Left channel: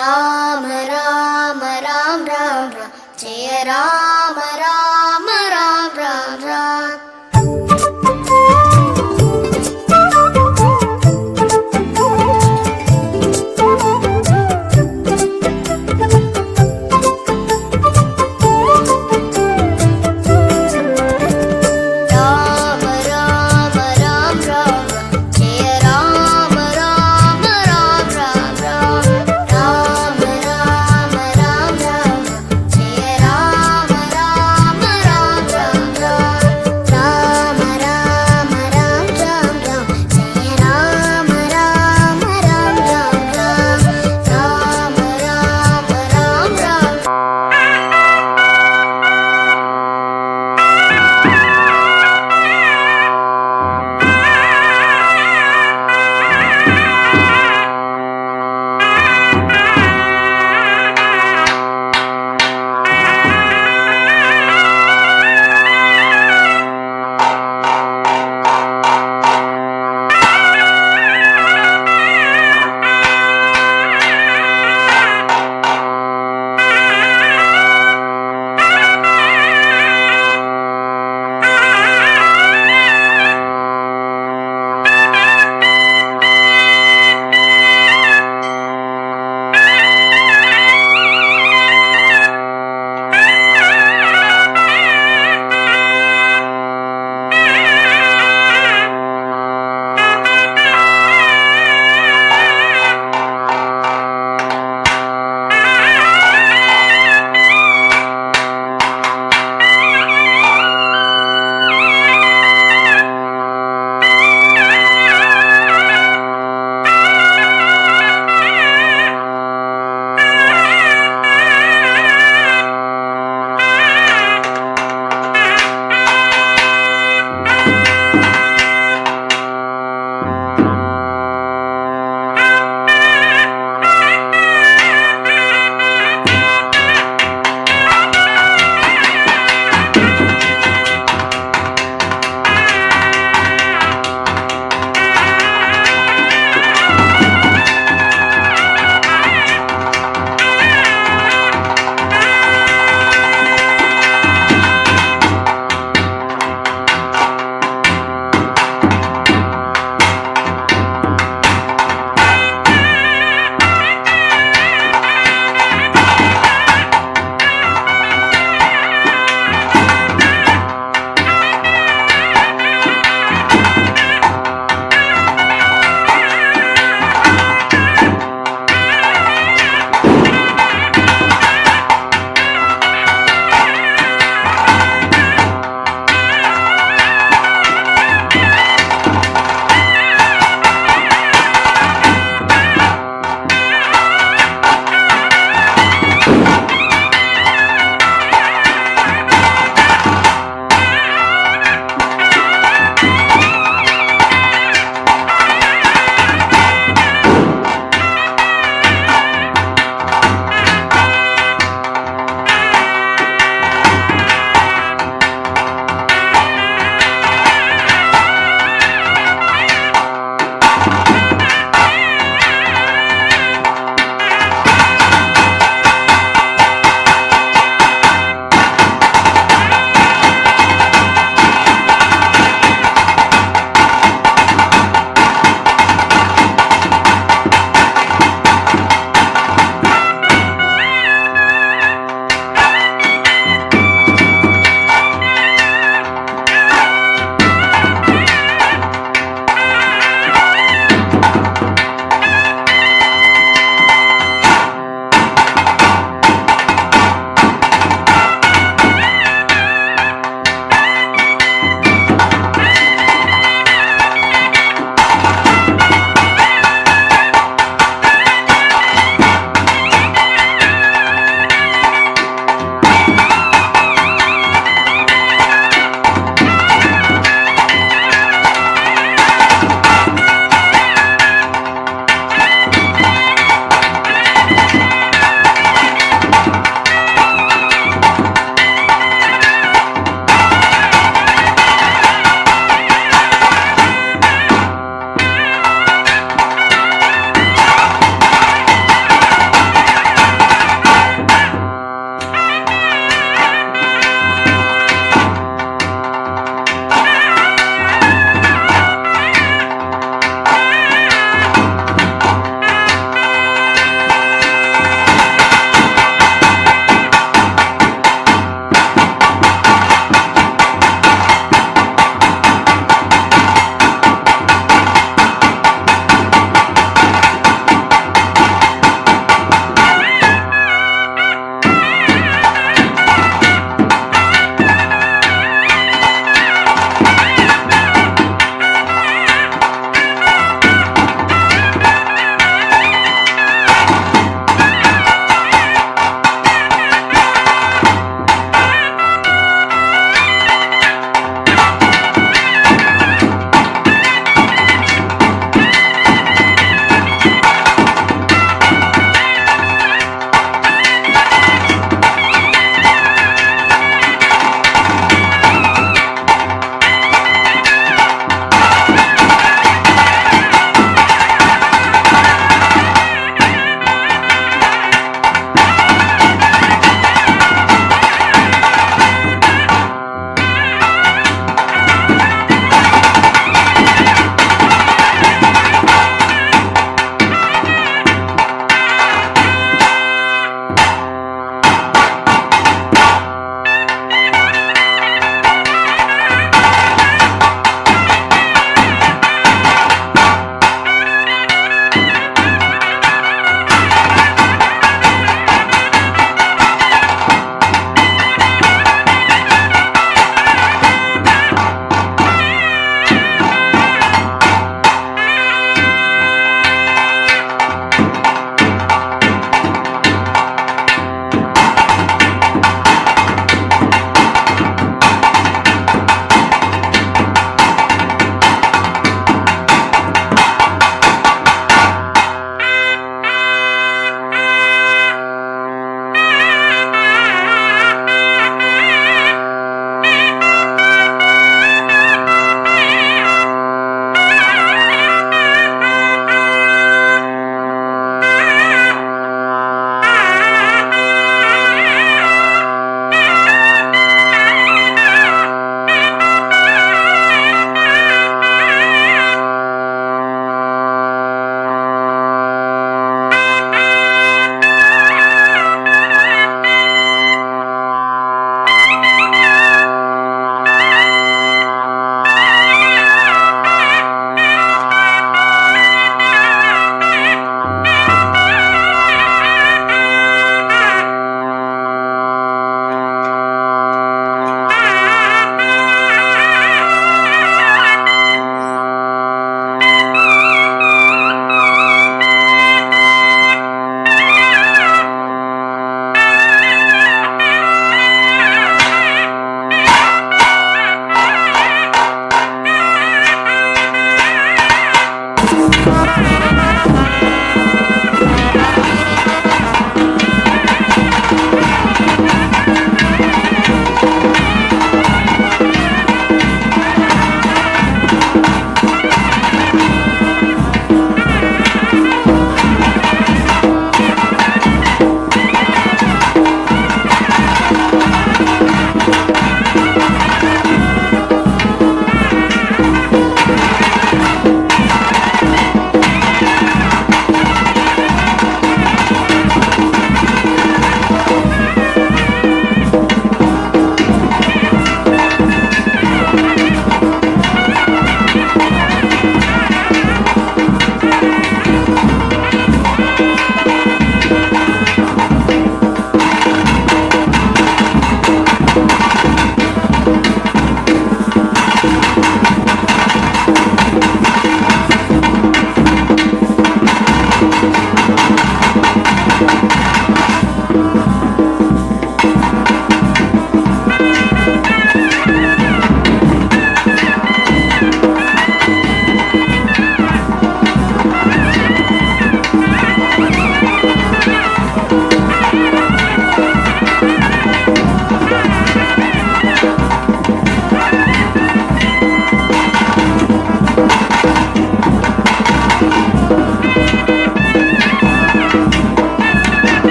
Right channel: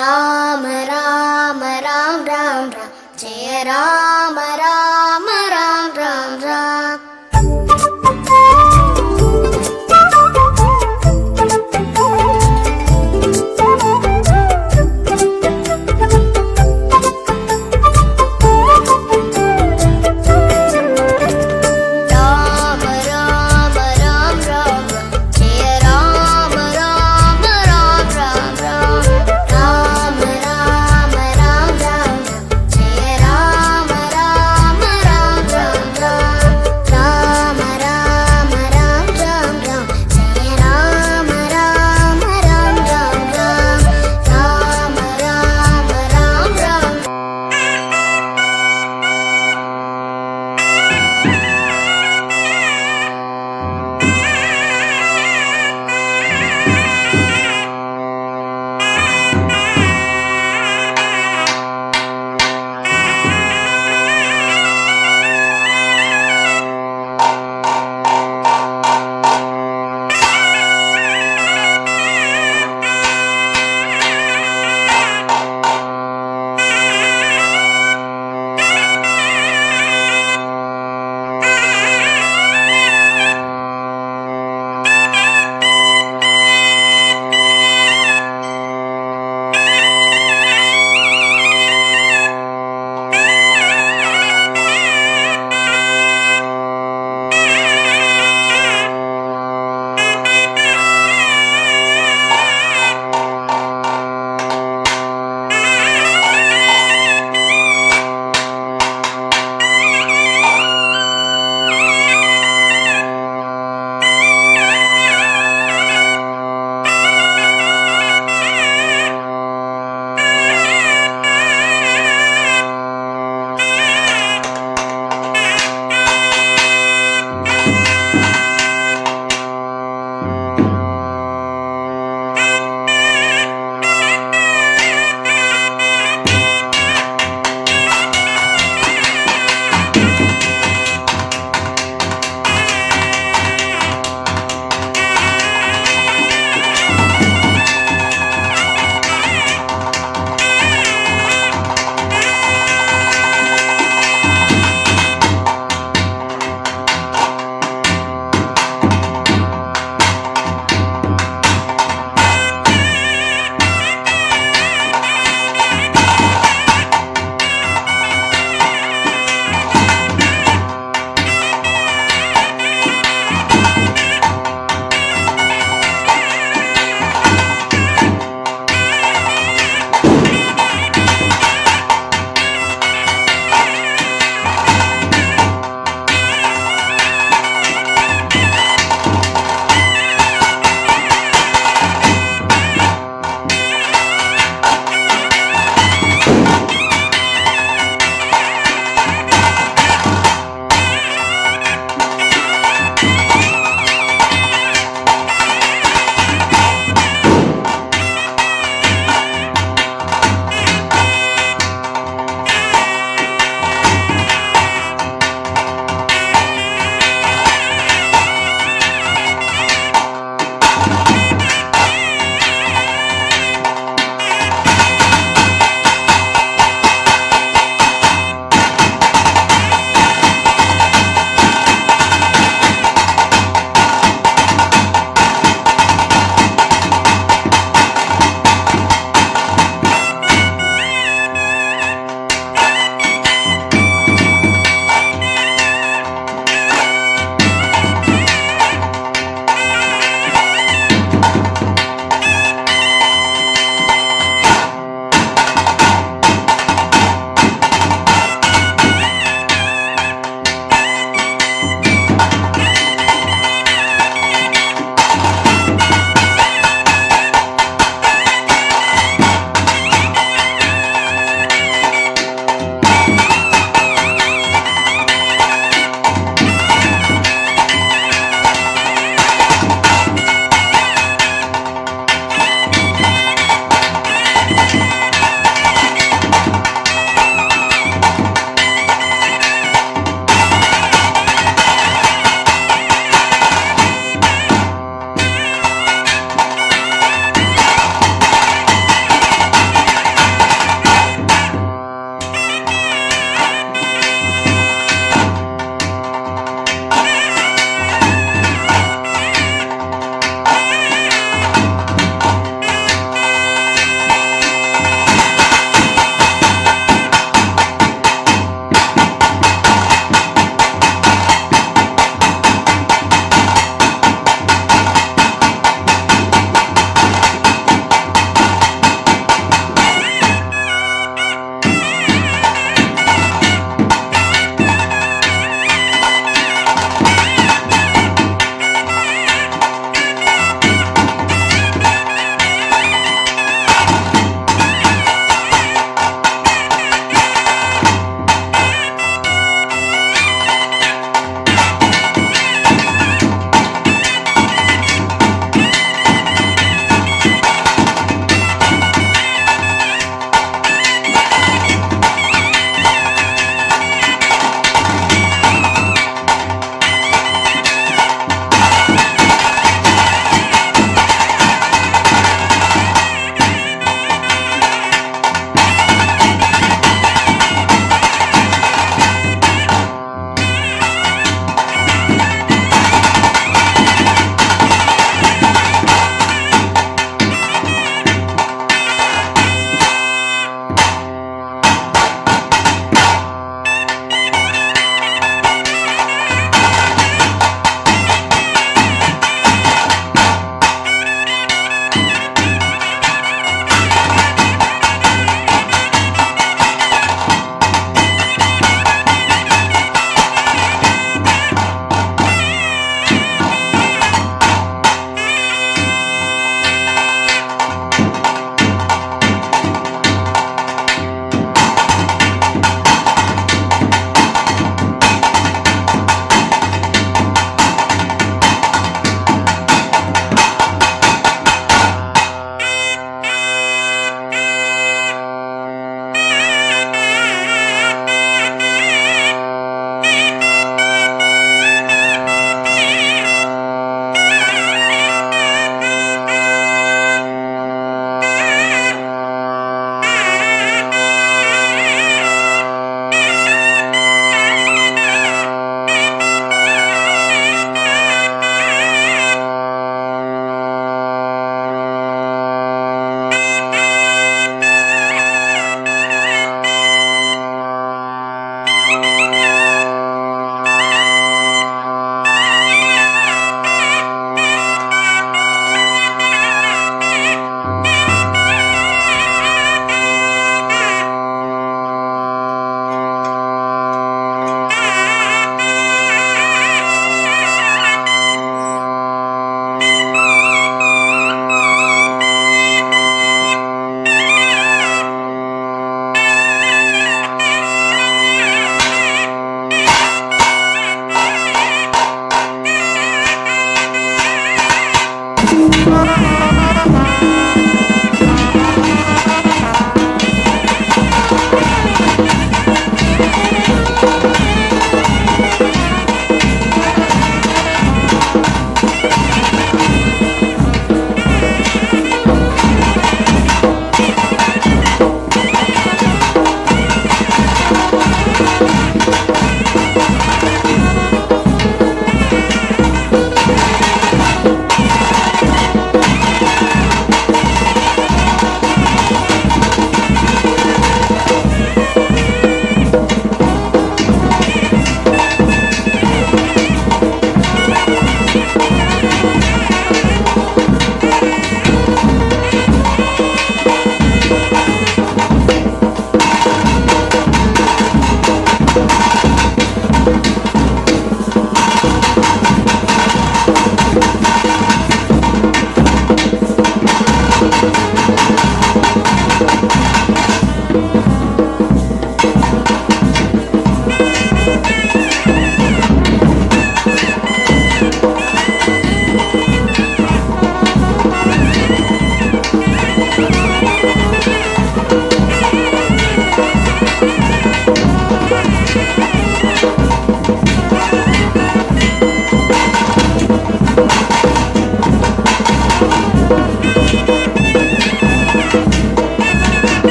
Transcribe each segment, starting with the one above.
ರಾಮ ರಾಮ ರಾಮ ರಾಮ ರಾಮ ಜಯ ರಾಮ ರಾಮ ರಾಮ ರಾಮ ರಾಮ.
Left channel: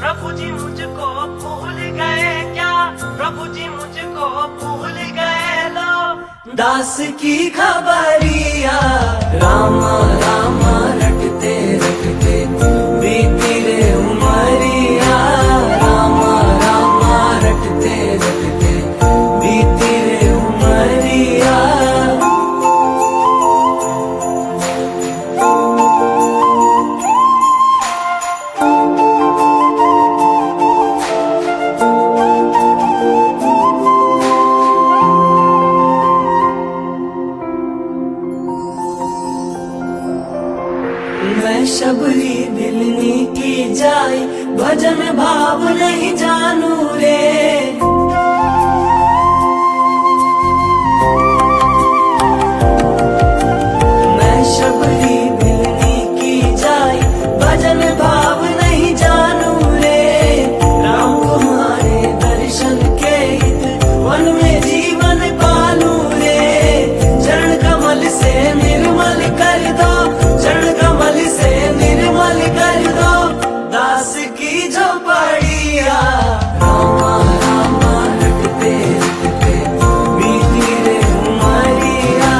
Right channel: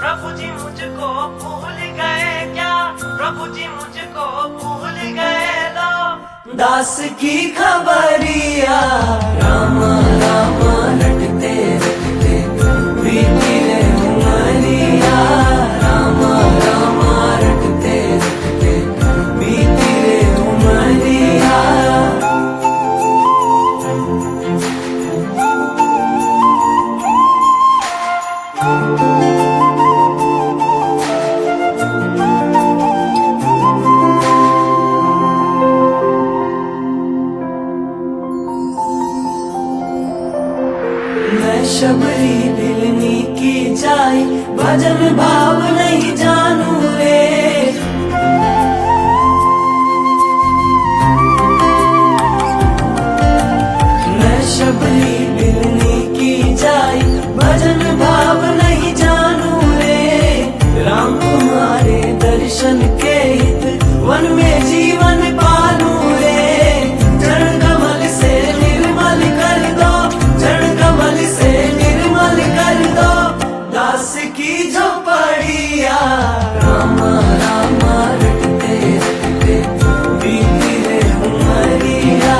प्रभु जी मुझको भूल गए क्या, प्रभु जी मुझको भूल गए लो। दास की खबरिया राम राम रटते रटते बीती रे उमरिया, राम राम रटते रटते बीती रे उमरिया। मैं शबरी दिलनी की जाय, भजन भाव नहीं जानू रे। मैं शबरी दिलनी की जाय, भजन भाव नहीं जानू रे। राम तुम्हारे दर्शन के हित वन में जीवन पालू रे। चरण कमल से निर्मल कर दो, चरण कमल से निर्मल कर दो दास की झोपड़िया। राम राम रटते रटते बीती रे उमरिया,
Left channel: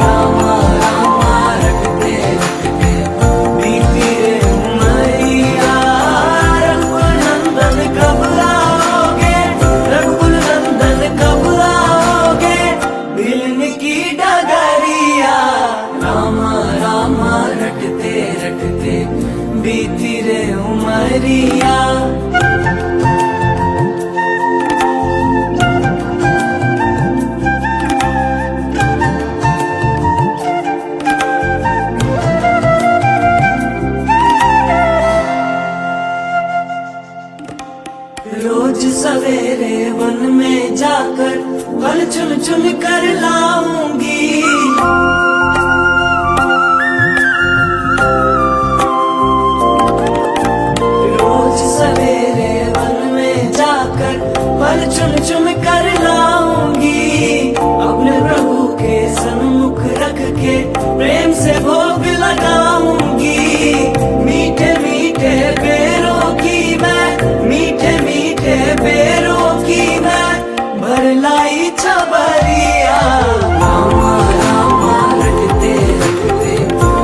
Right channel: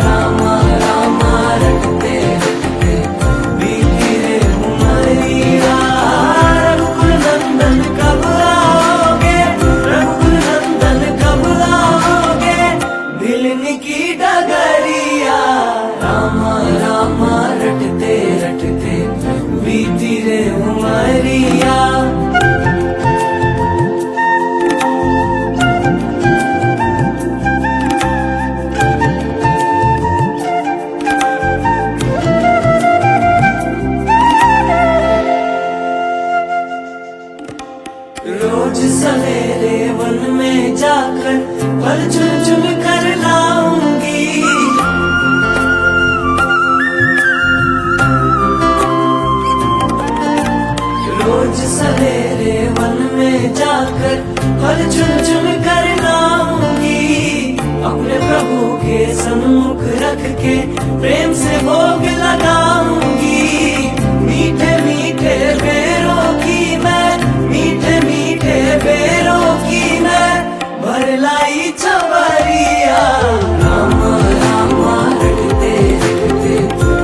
राम राम रटते रटते बीती रे उमरिया। रघुकुल नंदन कब आओगे, रघुकुल नंदन कब आओगे, भिलने की डगरिया। राम राम रटते रटते बीती रे उमरिया। रोज सवेरे वन में जाकर फल चुन चुन कर लाऊंगी। रोज सवेरे वन में जाकर फल चुन चुन कर लाऊंगी। अपने प्रभु के सन्मुख रख के प्रेम से भोग लगाऊंगी। मीठे मीठे बेरों की मैं, मीठे मीठे बेरों की मैं भर लाई छबरिया। राम राम रटते रटते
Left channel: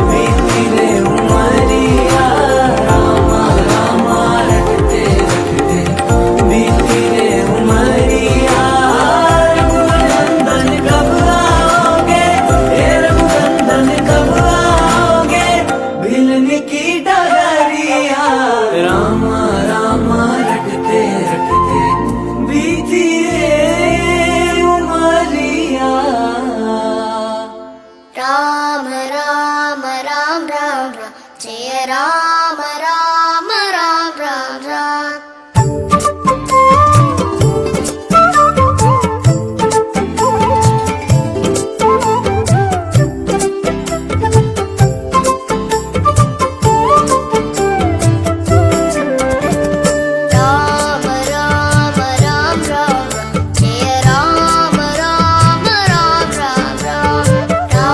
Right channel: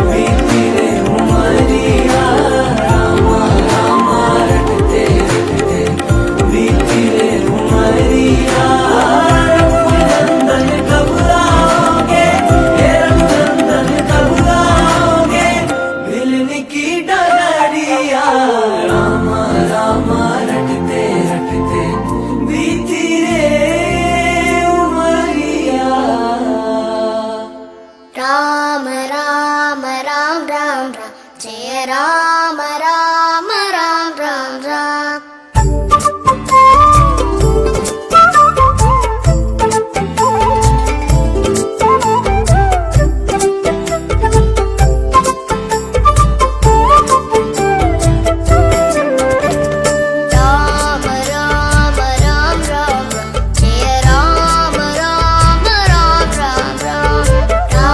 बीती रे उमरिया, राम राम रटते रटते बीती रे उमरिया। रघुनंदन कब आओगे, हे रघुनंदन कब आओगे, भिलने की डगरिया। राम राम रटते रटते बीती रे उमरिया। राम राम राम राम राम, जय राम राम राम राम राम। राम राम राम राम राम, जय राम राम राम राम राम।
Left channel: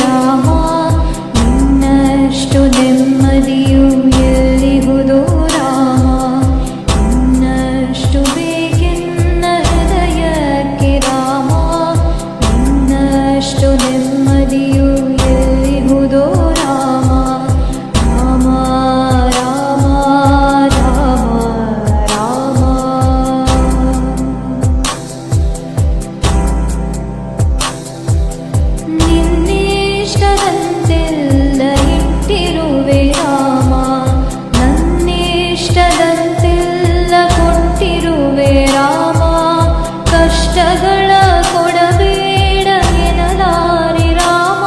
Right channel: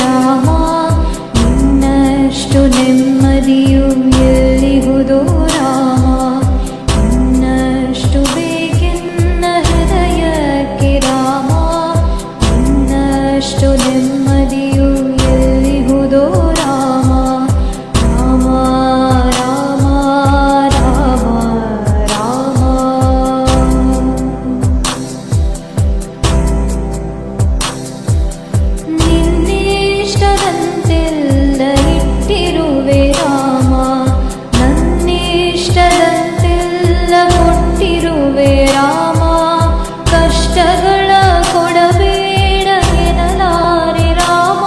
ರಾಮ ನಿನ್ನಷ್ಟು ನೆಮ್ಮದಿಯು ಎಲ್ಲಿಹುದೋ ರಾಮ ಇನ್ನಷ್ಟು ಬೇಕೆನ್ನ ಹೃದಯಕ್ಕೆ ರಾಮ ನಿನ್ನಷ್ಟು ನೆಮ್ಮದಿಯು ಎಲ್ಲಿಹುದೋ ರಾಮ ರಾಮ ರಾಮ ರಾಮ ರಾಮ ನಿನ್ನಿಷ್ಟದಂತೆಲ್ಲ ಇಟ್ಟಿರುವೆ ರಾಮ ನನ್ನಿಷ್ಟದಂತೆಲ್ಲ ಕೊಟ್ಟಿರುವೆ ರಾಮ ಕಷ್ಟಗಳ ಕೊಡಬೇಡ ಎನ್ನಲಾರೆ ರಾಮ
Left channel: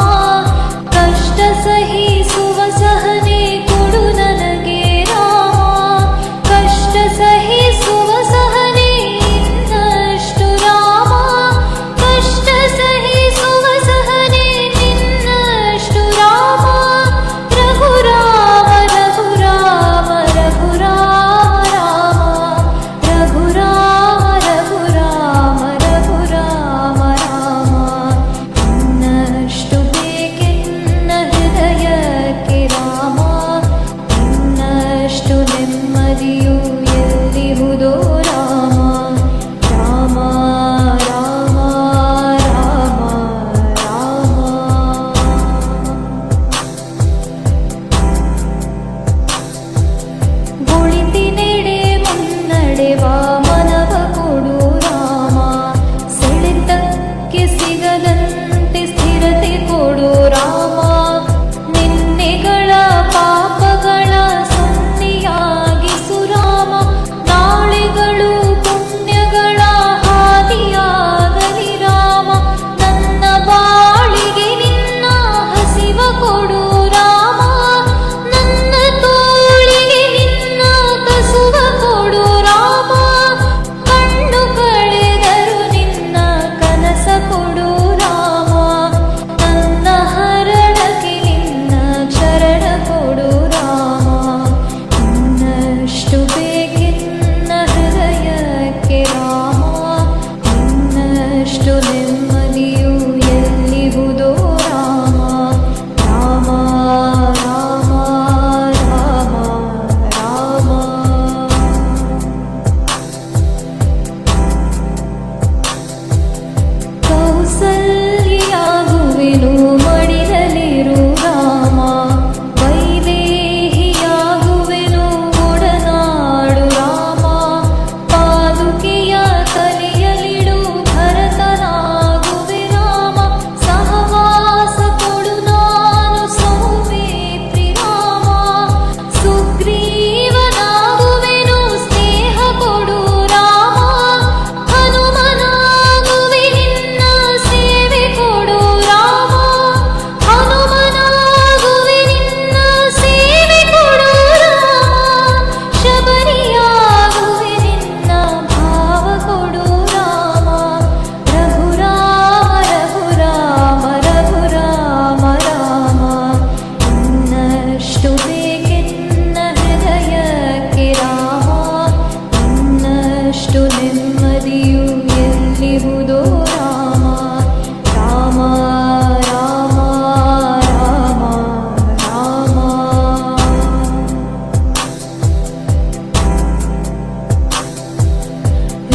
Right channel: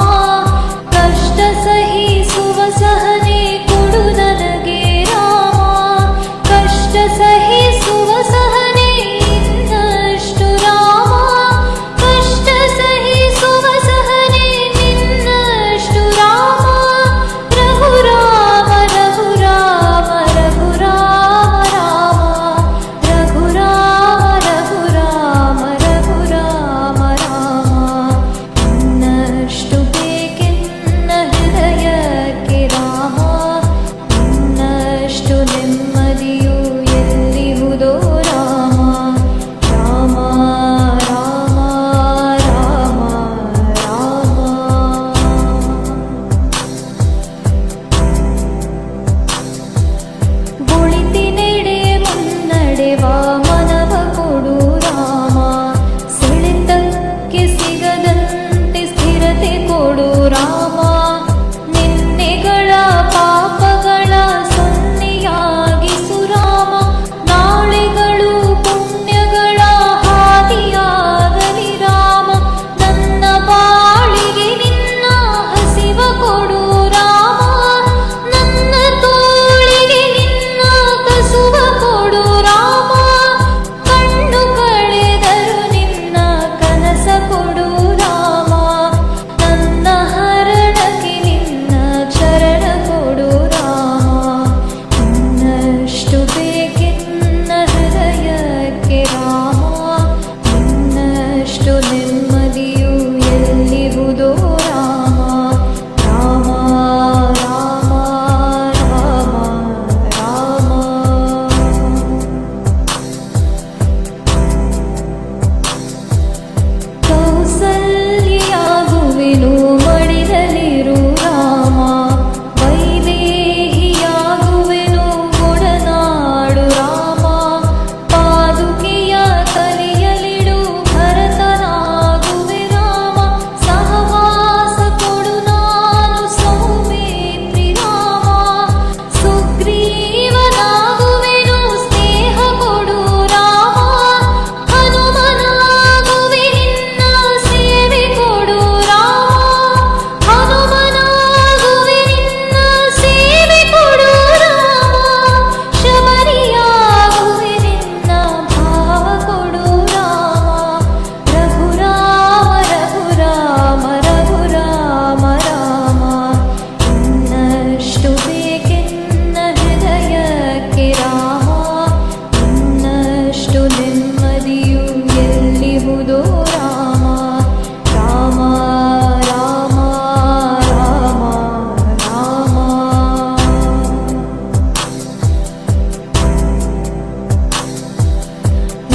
ಕಷ್ಟ ಸಹಿಸುವ ಸಹನೆ ಕೊಡು ನನಗೆ ರಾಮ ಕಷ್ಟ ಸಹಿಸುವ ಸಹನೆ ಇನ್ನಷ್ಟು ರಾಮ ಕಷ್ಟ ಸಹಿಸುವ ಸಹನೆ ನಿನ್ನಷ್ಟು ರಾಮ ರಘುರಾಮ ರಘುರಾಮ ರಘುರಾಮ ರಾಮ ರಘುರಾಮ ರಘುರಾಮ ರಘುರಾಮ ರಾಮ ಇನ್ನಷ್ಟು ಬೇಕೆನ್ನ ಹೃದಯಕ್ಕೆ ರಾಮ ಇನ್ನಷ್ಟು ನೆಮ್ಮದಿಯು ಎಲ್ಲಿಹುದೋ ರಾಮ ರಾಮ ರಾಮ ರಾಮ ರಾಮ ಒಳಿತಿನೆಡೆ ಮುನ್ನಡೆವ ಮನವ ಕೊಡು ರಾಮ ಸೆಳೆತಕ್ಕೆ ಸಿಗದಂತೆ ಸ್ಥಿರತೆ ಕೊಡು ರಾಮ ನಿನ್ನೆಗಳ ಪಾಪಗಳ ಸೊನ್ನೆಯಾಗಿಸು ರಾಮ ನಾಳೆಗಳು ಪುಣ್ಯಗಳ ಹಾದಿಯಾಗಲಿ ರಾಮ ನನ್ನ ಬಾಳಿಗೆ ನಿನ್ನ ಹಸಿವ ಕೊಡು ರಾಮ ನನ್ನ ತೋಳಿಗೆ ನಿನ್ನ ಕಸುವ ಕೊಡು ರಾಮ ಕಣ್ಣು ಕಳೆದರು ನಿನ್ನ ಕನಸ ಕೊಡು ರಾಮ ನನ್ನ ಹರಣಕ್ಕೆ ನಿನ್ನ ಚರಣ ಕೊಡು ರಾಮ ಇನ್ನಷ್ಟು ಬೇಕೆನ್ನ ಹೃದಯಕ್ಕೆ ರಾಮ ಇನ್ನಷ್ಟು ನೆಮ್ಮದಿಯು ಎಲ್ಲಿಹುದೋ ರಾಮ ರಾಮ ರಾಮ ರಾಮ ರಾಮ ಕೌಸಲ್ಯಾಗುವೆನು ಮಡಿಲಲಿರು ರಾಮ ವೈದೇಹಿಯಾಗುವೆನು ಒಡನಾಡು ರಾಮ ಪಾದುಕೆಯ ತಲೆಯಲಿಡು ಭರತನಾಗುವೆ ರಾಮ ಸಹವಾಸ ಕೊಡು ನಾನು ಸೌಮಿತ್ರಿ ರಾಮ ಸುಗ್ರೀವನಾಗುವೆನು ಸ್ನೇಹ ಕೊಡು ರಾಮ ಹನುಮನಾಗುವೆ ನಿನ್ನ ಸೇವೆ ಕೊಡು ರಾಮ ಹನುಮನಾಗುವೆ ನಿನ್ನ ಸೇವೆ ಕೊಡು ರಾಮ ಶಬರಿಯಾಗುವೆ ನಿನ್ನ ಭಾವ ಕೊಡು ರಾಮ ರಘುರಾಮ ರಘುರಾಮ ರಘುರಾಮ ರಾಮ ಇನ್ನಷ್ಟು ಬೇಕೆನ್ನ ಹೃದಯಕ್ಕೆ ರಾಮ ಇನ್ನಷ್ಟು ನೆಮ್ಮದಿಯು ಎಲ್ಲಿಹುದೋ ರಾಮ ರಾಮ ರಾಮ ರಾಮ ರಾಮ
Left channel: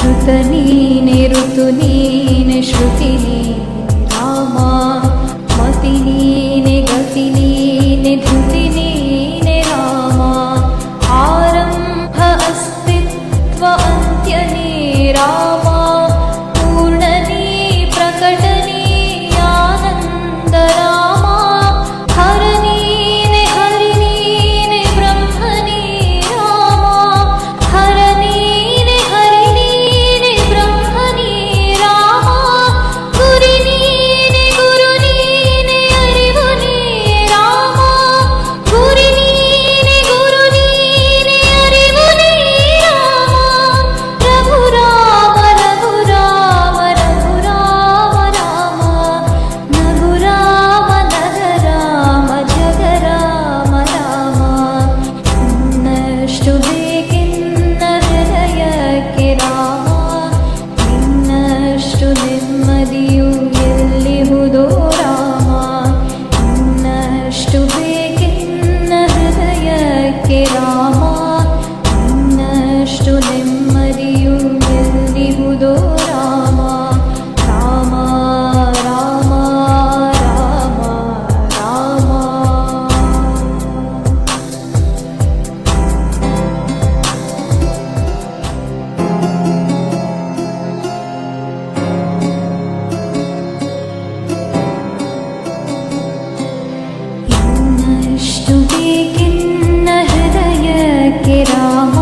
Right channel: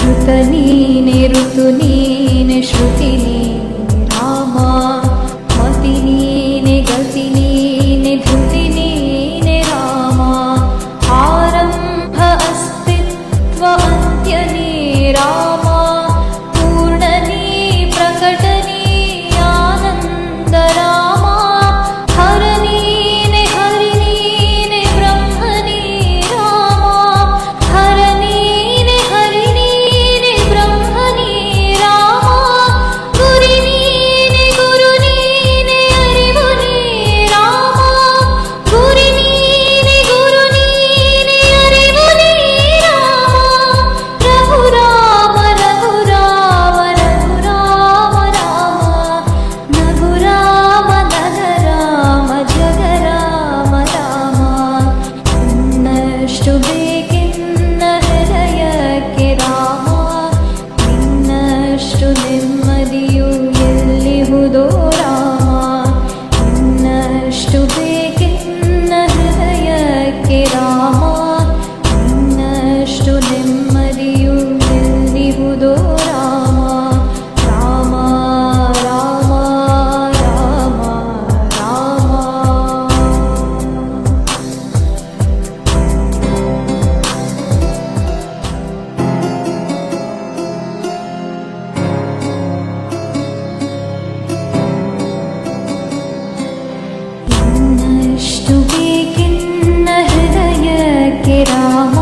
ಋತ ನೀನೆ ಋತು ನೀನೆ ಶ್ರುತಿ ನೀನೆ ರಾಮ ಮತಿ ನೀನೆ ಗತಿ ನೀನೆ ಧೃತಿ ನೀನೆ ರಾಮ ಆರಂಭ ಅಸ್ತಿತ್ವ ಅಂತ್ಯ ನೀ ರಾಮ ಪೂರ್ಣ ನೀ ಪ್ರಕಟ ನೀ ಆನಂದ ರಾಮ ಹರ ನೀನೆ ಹರಿ ನೀನೆ ಬ್ರಹ್ಮ ನೀ ರಾಮ ಹರ ನೀನೆ ಹರಿ ನೀನೆ ಬ್ರಹ್ಮ ನೀ ರಾಮ ಗುರಿ ನೀನೆ ಗುರು ನೀನೆ ಅರಿವು ನೀ ರಾಮ ಗುರಿ ನೀನೆ ಗುರು ನೀನೆ ಅರಿವು ನೀ ರಾಮ ರಘುರಾಮ ರಘುರಾಮ ರಘುರಾಮ ರಾಮ ನಗುರಾಮ ನಗರಾಮ ಜಗರಾಮ ರಾಮ ಇನ್ನಷ್ಟು ಬೇಕೆನ್ನ ಹೃದಯಕ್ಕೆ ರಾಮ ಇನ್ನಷ್ಟು ನೆಮ್ಮದಿಯು ಎಲ್ಲಿಹುದೋ ರಾಮ ರಾಮ ನಿನ್ನಷ್ಟು ನೆಮ್ಮದಿಯು ಎಲ್ಲಿಹುದೋ ರಾಮ ರಾಮ ರಾಮ ರಾಮ ರಾಮ ಇನ್ನಷ್ಟು ಬೇಕೆನ್ನ ಹೃದಯಕ್ಕೆ ರಾಮ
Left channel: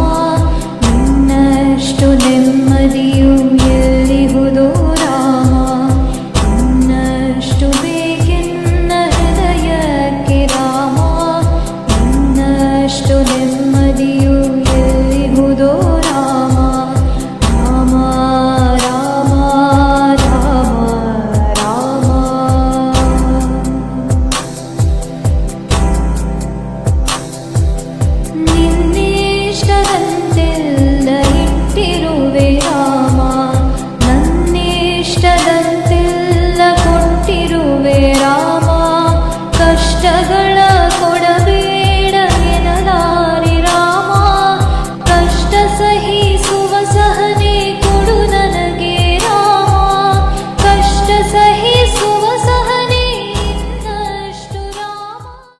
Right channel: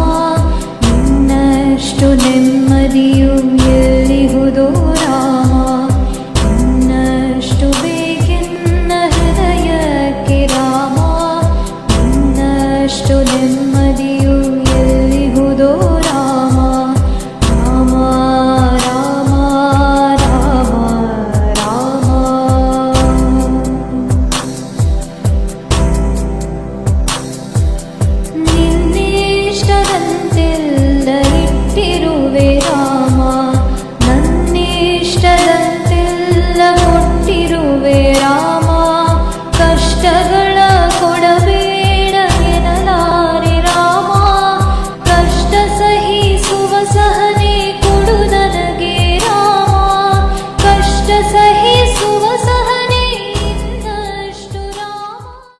ನಿನ್ನಷ್ಟು ನೆಮ್ಮದಿಯು ಎಲ್ಲಿಹುದೋ